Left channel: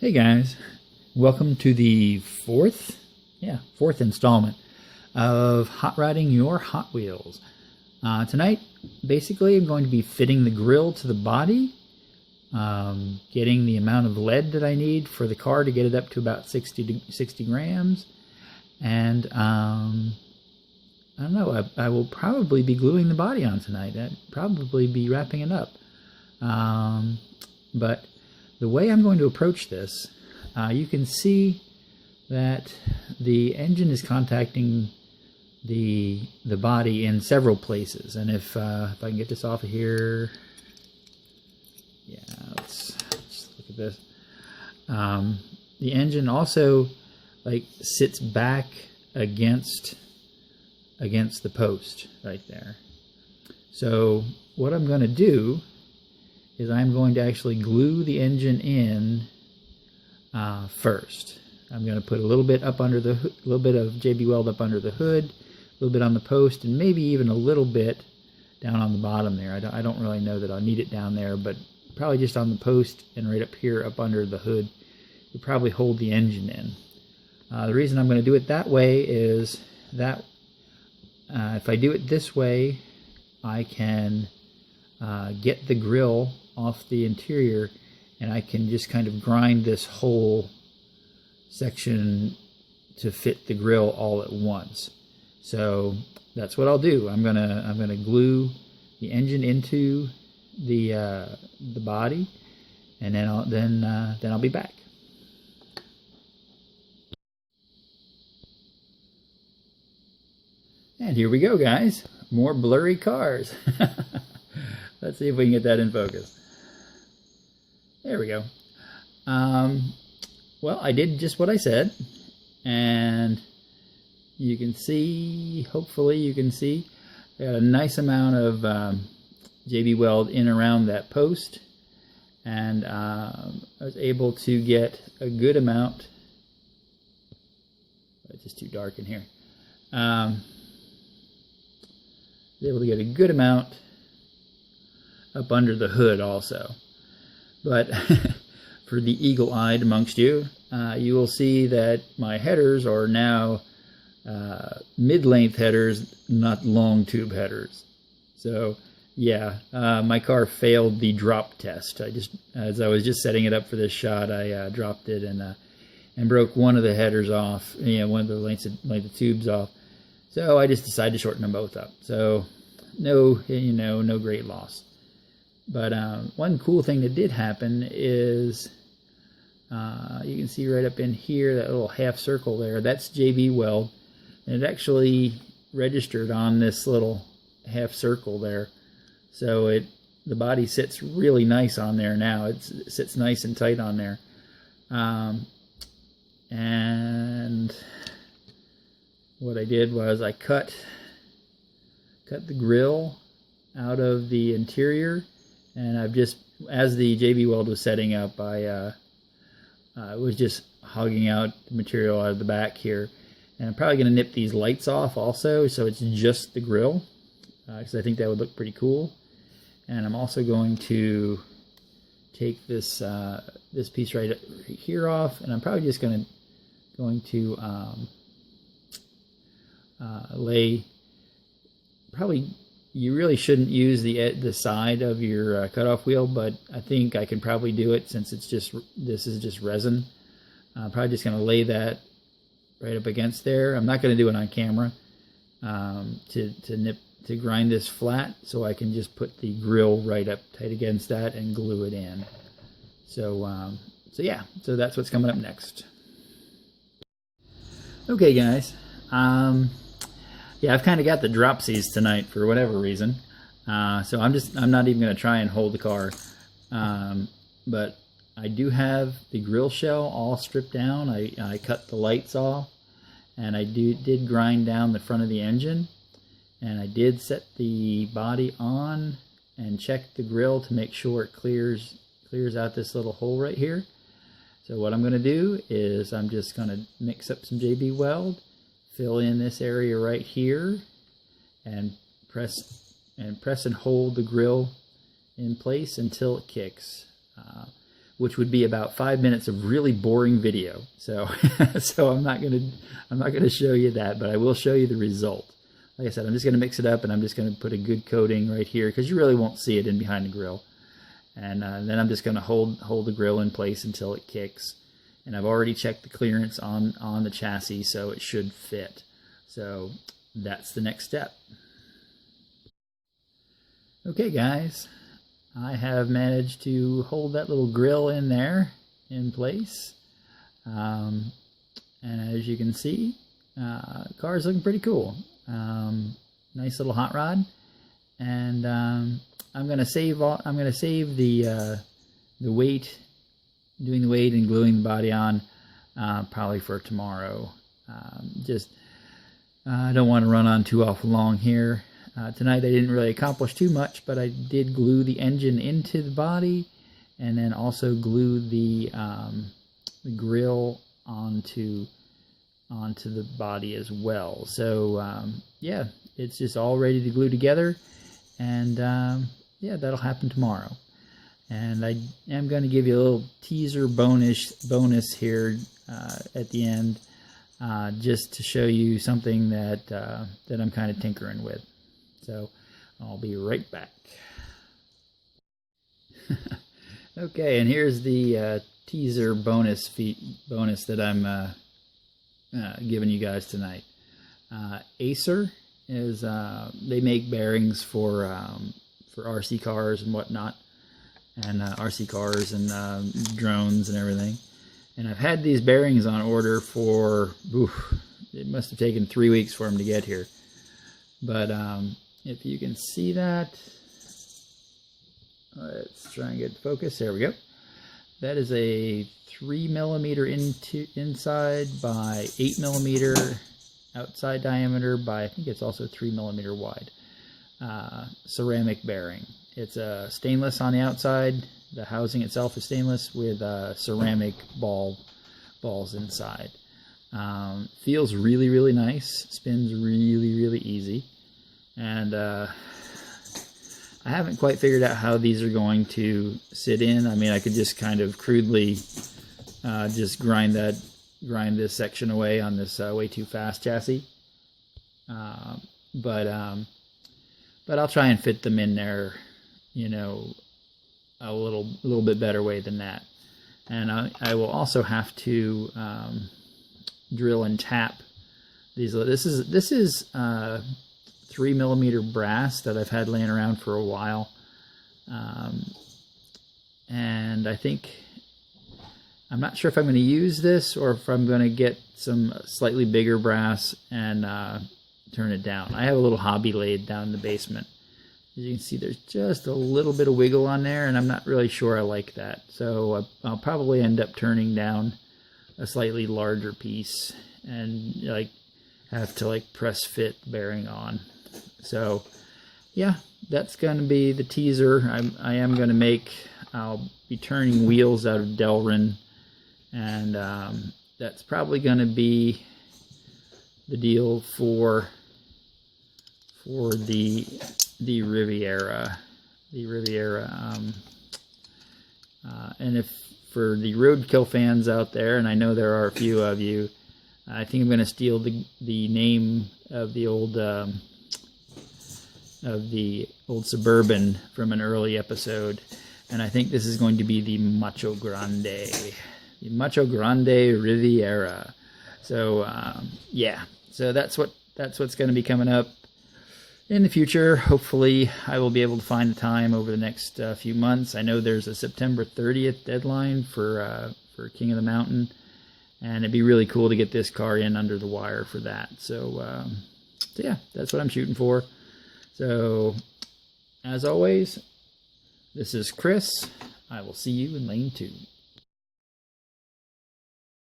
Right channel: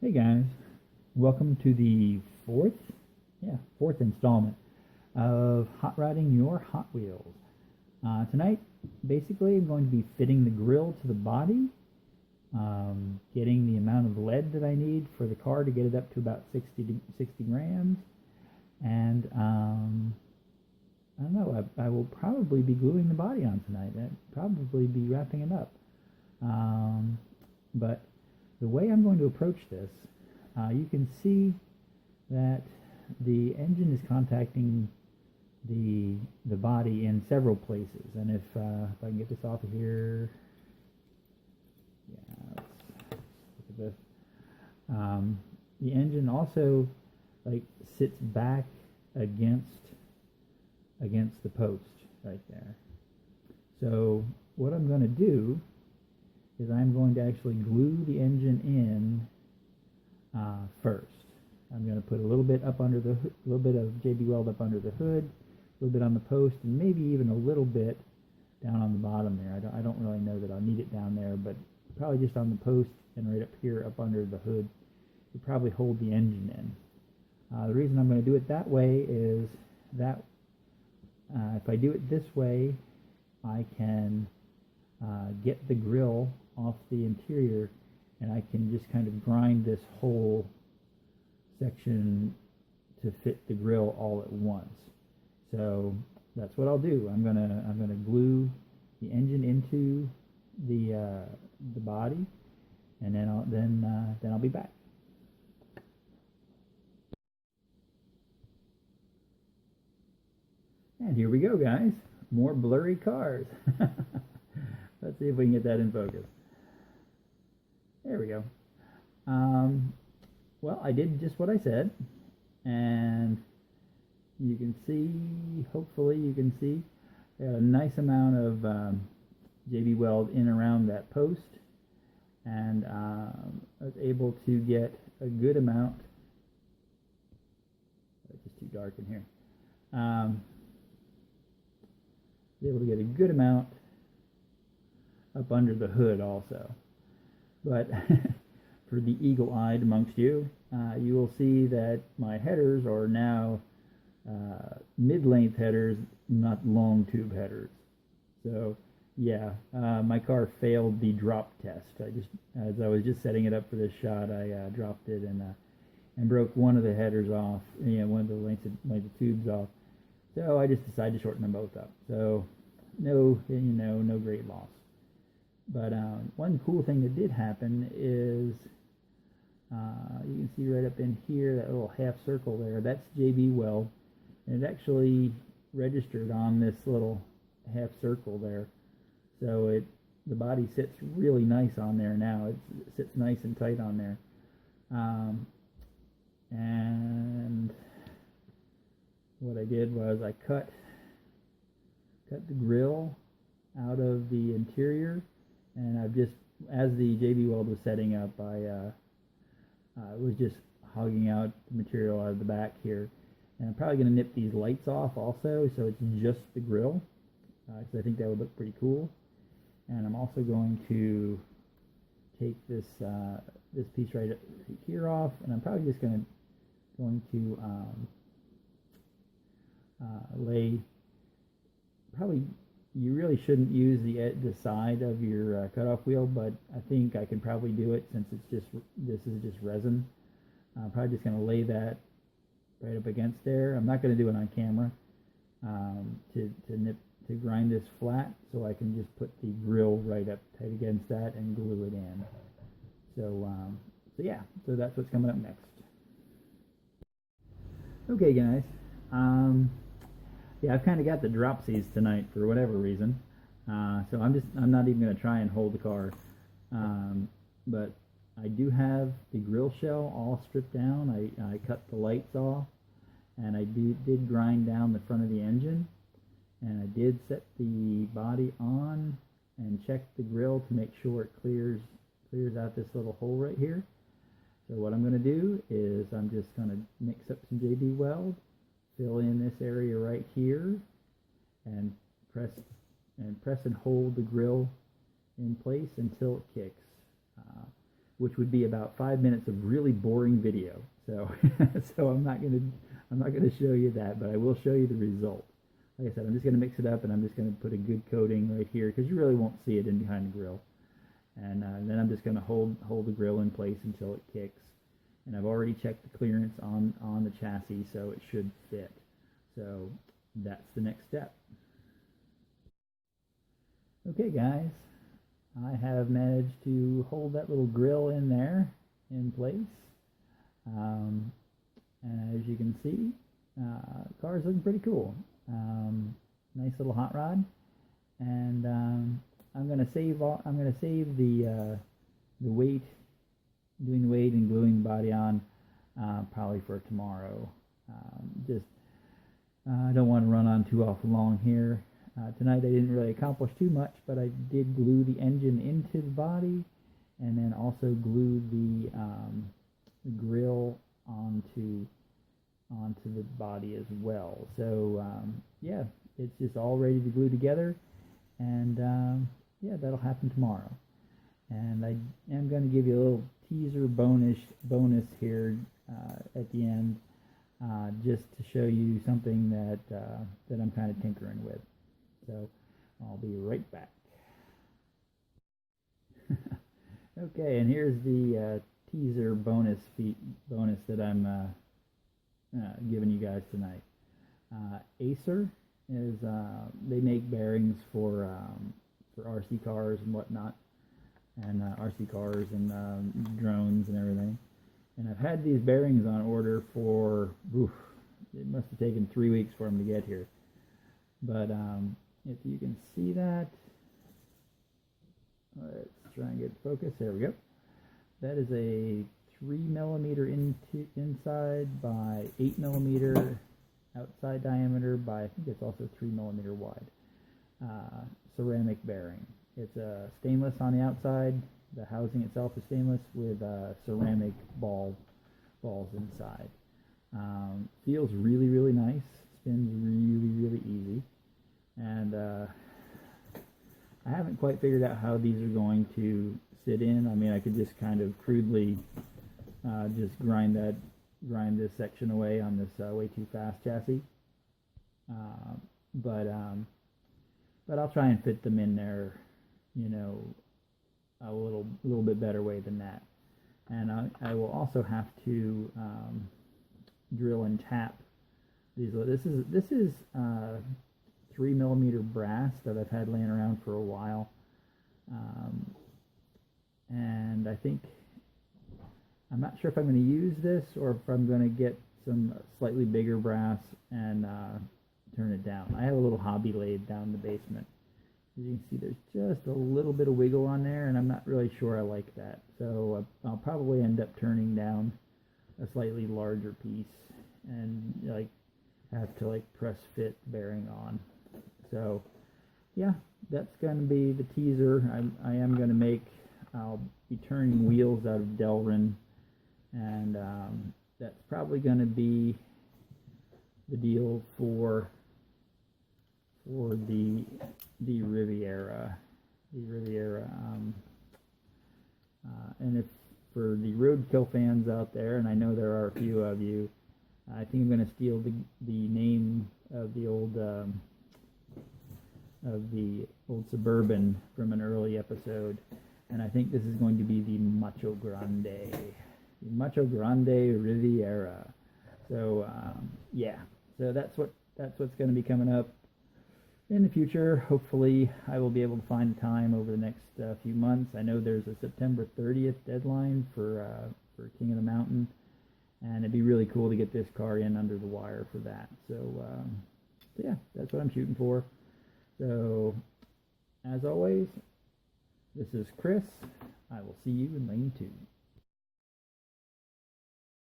Hey guys, welcome to the fourth installment of Hot Rodding Your Hot Wheels. Tonight, basically, I'm going to be fitting the grill to the body, getting the amount of lead that I need for the car to get it up to about 60 grams, and I don't know, I will probably be gluing the body on tonight. I'd probably be wrapping it up. But the way I'm going to approach this, you can see that the engine is contacting the body in several places. And if I can get this off of here, yeah, let's look at this. The engine also sits back against the post right there. So what I'm going to do is I'm going to actually glue the engine in first. I'm going to put a little bit up under the hood, a little bit of JB Weld up under the hood, a little bit on the post, and maybe even a little bit down on the bottom there. I don't really know that I'll need it down there, but probably just on the post and right up here up under the hood will probably hold the engine in. The reason I'm going to do it that way is that if I do it this way, I can get the grill off the interior, and I can just kind of grind this whole section to fit the grill all at once. So that's what I'll do. I'm gonna glue the engine into the body, and then I'll be back. And here we go, guys. More blurry cars. Let's see if we can get that in focus. There we go. Well, I did just what I said, and you can see, hopefully you can see, I got a nice amount of JB Weld in around that post, and I was able to get a good amount. It's just too dark in here. Was able to get a good amount up under the hood also. But for the eagle-eyed amongst you, you will see that my headers are now mid-length headers, not long tube headers. So yeah, my car failed the drop test. As I was just setting it up for this shot, I dropped it and broke one of the headers off, one of the length of tubes off. So I just decided to shorten them both up. So no great loss. But one cool thing that did happen is you can see right up in here, that little half circle there, that's JB Weld. And it actually registered on this little half circle there. So the body sits really nice on there now. It sits nice and tight on there. And what I did was I cut the grill out of the interior, and I've just, as the JB Weld was setting up, I was just hogging out the material out of the back here. And I'm probably going to nip these lights off also, so it's just the grill, because I think that would look pretty cool. And I'm also going to take this this piece right here off, and I'm probably just going to lay, probably, you really shouldn't use the side of your cutoff wheel, but I think I can probably do it since this is just resin. I'm probably just going to lay that right up against there. I'm not going to do it on camera to grind this flat, so I can just put the grill right up tight against that and glue it in. So yeah, so that's what's coming up next. Okay, guys. Yeah, I've kind of got the dropsies tonight for whatever reason. So I'm not even going to try and hold the car. But I do have the grill shell all stripped down. I cut the lights off, and I did grind down the front of the engine, and I did set the body on and check the grill to make sure it clears out this little hole right here. So what I'm going to do is I'm just going to mix up some JB Weld, fill in this area right here, and press and hold the grill in place until it kicks. which would be about 5 minutes of really boring video. So, so I'm not gonna show you that, but I will show you the result. Like I said, I'm just gonna mix it up, and I'm just gonna put a good coating right here because you really won't see it in behind the grill. And then I'm just gonna hold the grill in place until it kicks. And I've already checked the clearance on the chassis, so it should fit. So that's the next step. Okay, guys, I have managed to hold that little grill in there in place. And as you can see, the car is looking pretty cool. Nice little hot rod. And I'm gonna save the weight, doing the weight and gluing the body on, probably for tomorrow. I don't want to run on too awful long here. Tonight I didn't really accomplish too much, but I did glue the engine into the body, and then also glue the grill onto the body as well. So yeah, it's just all ready to glue together, and yeah, that'll happen tomorrow. And I am going to give you a little teaser bonus here at the end, just to show you something that I'm kind of tinkering with. So I'll be right back. Okay, and here's the teaser bonus that I'm giving you guys tonight. Acer is they make bearings for RC cars and whatnot, and RC cars and drones and everything. And I've had these bearings on order for, it must have taken 3 weeks for them to get here. But if you can see that, let's try and get focus. There we go. That is a 3mm inside by 8mm outside diameter by, I think it's also 3mm wide, ceramic bearing. It's a stainless on the outside. The housing itself is stainless with ceramic balls inside. Feels really, really nice. Spins really, really easy. And I haven't quite figured out how these are going to sit in. I mean, I could just kind of crudely just grind this section away on this way too fast chassis. But I'll try and fit them in there, you know, a little bit better way than that. And I will also have to drill and tap these. This is 3mm brass that I've had laying around for a while, and I think, I'm not sure if I'm going to use this or if I'm going to get some slightly bigger brass and turn it down. I have a little hobby lathe down in the basement. As you can see, there's just a little bit of wiggle on there, and I'm not really sure I like that. So I'll probably end up turning down a slightly larger piece and like have to like press fit bearing on. So yeah, that's going to be the teaser. I am going to make, I'll be turning wheels out of Delrin, and that's probably going to be the deal for the Riviera. And if for the roadkill fans out there, and I know there are a few of you, I think I'm going to steal the name of the old Suburban from an early episode, and I think this is going to be the Macho Grande, Riviera. So yeah, so that's what's going to be coming up in the future. Hopefully I will be able to find the time over the next few months. I know there's a September 30th deadline for King of the Mountain, and it'd be really cool to get this car in under the wire for that. So yeah, that's what I'm shooting for. So as always, this is Chris. I will see you in lane 2.